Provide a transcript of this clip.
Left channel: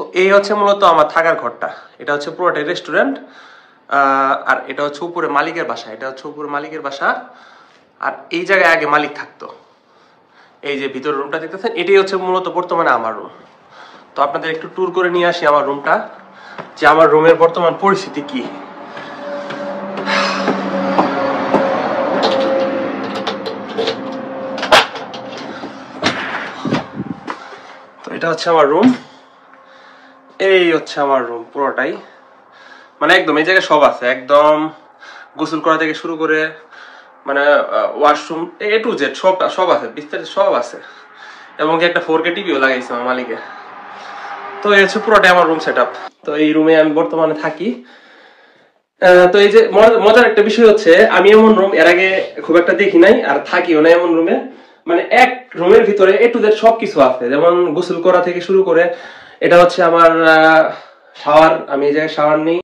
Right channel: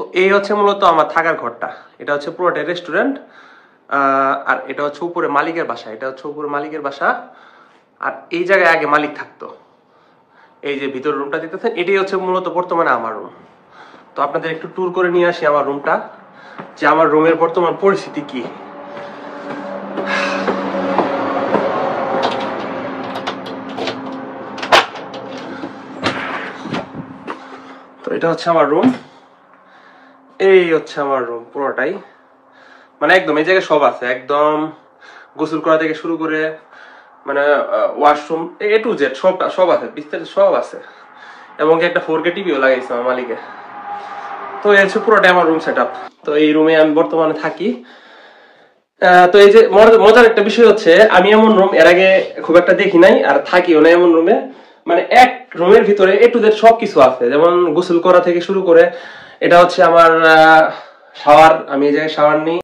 তো এই হচ্ছে মূলত আমার থাকার ঘরটা। এটা হচ্ছে পুরোটাই রেস্টুরেন্ট, আর এটা হচ্ছে উপরে মালিকের বাসা। এটা হচ্ছে উপরে মালিকের বাসা। আর এই জায়গায় আগে মালিক থাকতো। এই যে ভিতর রুমটা দেখতেছেন, এটাই হচ্ছে মূলত বর্তমানে আমার রুম। তো আপনাদের একটু ট্যুর করে নিয়ে আসি আমার রুমটা, যে আমার রুমের বর্তমান পরিস্থিতি কি। তো এটা হচ্ছে আমার রুম, এই হচ্ছে আমার রুম পুরোটাই। মানে একদম এই জায়গায় সব আছে, একদম গোসল করা থেকে শুরু করে মানে ওয়াশরুম এ টু জেড সব আছে, বিস্তারিত সব আছে। এবং একটা 4K টিভিও লাগাইছে আমার মালিকে। তো এই হচ্ছে পুরোটাই আমার রুম সেটআপ। তো এই রুমে আমি বর্তমানে থাকি। তো এই যে মজার একটা বিষয় হচ্ছে, আমি এমন রুম এর আগে খুব একটা দেখি নাই, আর থাকিও না এমন রুমে। মানে এক রুমের ভিতরে এ টু জেড সবকিছু আছে, যেমন গোসল করা থেকে শুরু করে। এটা হচ্ছে আমার শাওয়ার, আমি এই জায়গায় শাওয়ার নিই।